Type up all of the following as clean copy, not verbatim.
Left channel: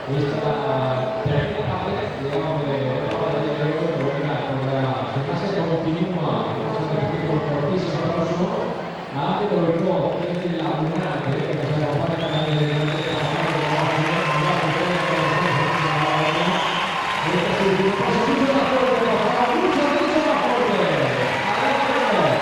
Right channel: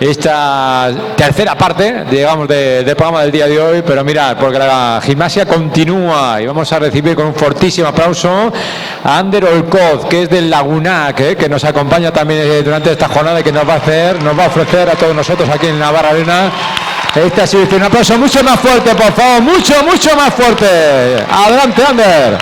Esta tercera parte, digamos, del programa del día de hoy, pero mirad, porque la gimnasia continúa y vamos a recibir con un fortísimo aplauso a Ander Olcoz, que es del Lagunac, que nos acompaña también durante esta jornada y que nos va a ofrecer a todos nosotros aquí en Navarra Arena esta exhibición. Un aplauso mucho más fuerte, por favor, mucho más fuerte. Adelante, Ander.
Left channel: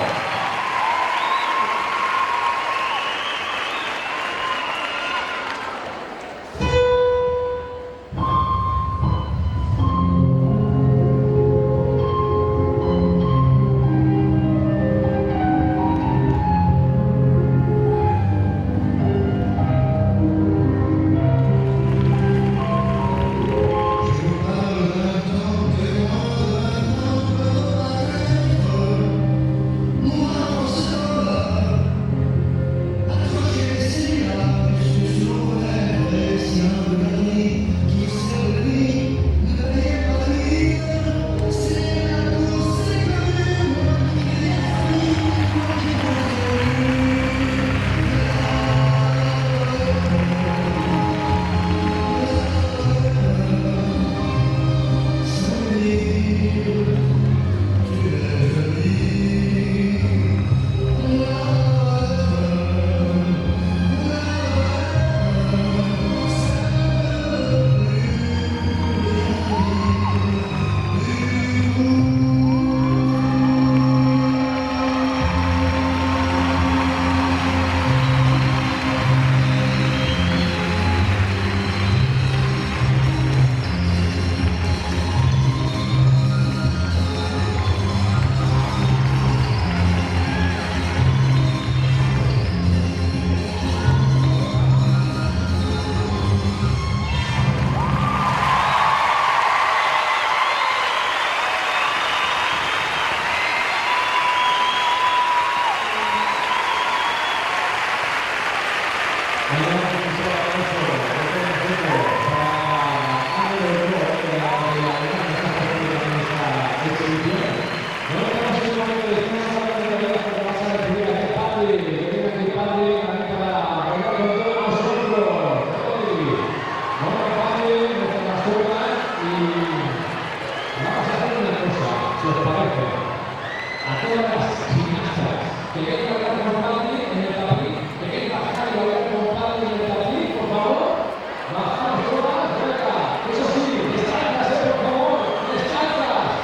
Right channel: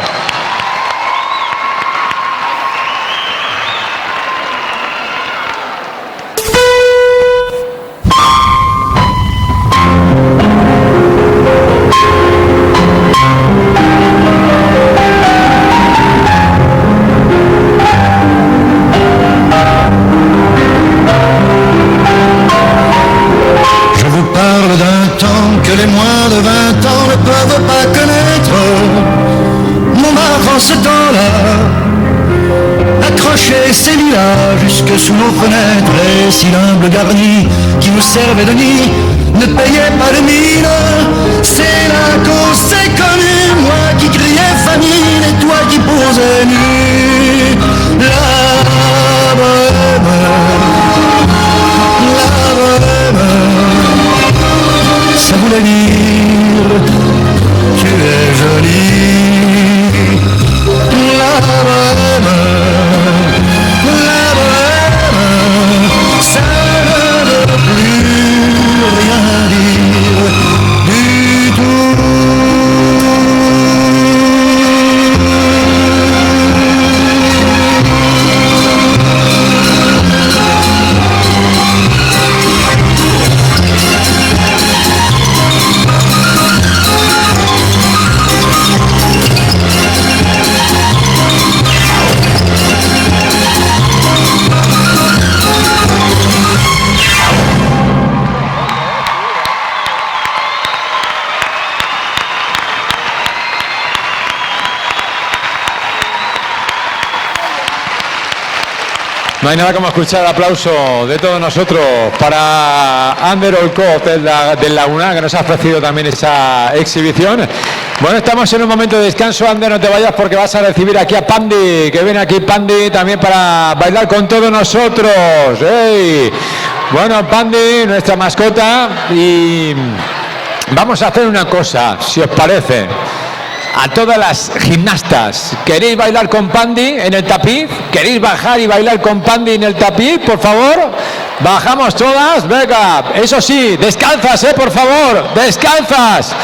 Sous nos fenêtres, les cylindres garnis qui nous servaient de nid ne payaient pas de mine. C'est la cause, c'est connu, moi qui criais famine et toi qui posais nu. La bohème, ça voulait dire tu es jolie. La bohème, ça ne veut plus rien dire du tout. No hay nada como escuchar el aplauso de todos nosotros para Ander Olcoz del Lagunac, que nos ha ofrecido también esa exhibición. Bueno, estamos en un momento de descanso. Ander, no te vayas porque vas a recibir aquí a Pandi, que viene aquí Pandi también para bailar con todos nosotros. ¡Hey! Bueno, Pandi, nuestra mascota, y vamos a hacer una cosa, si os parece. A todas las gimnastas, ¿queréis bailar con Pandi en el tapiz? ¿Queréis bajar y bailar con Pandi en el tapiz, por favor? Bajamos todas, venga, eso sí, descalzas, por favor, descalzas.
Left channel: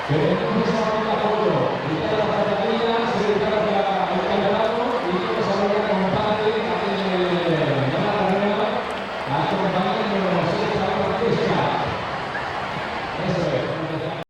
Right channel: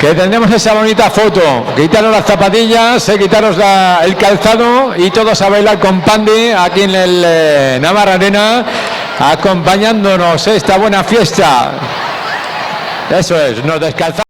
Que tendremos esa bonita foto. Quitaros las zapatillas, quitaros el calzado y todos a bailar con Pandi aquí en el Navarra Arena, acompañándonos esta buena fiesta. Eso es, nos descalzamos.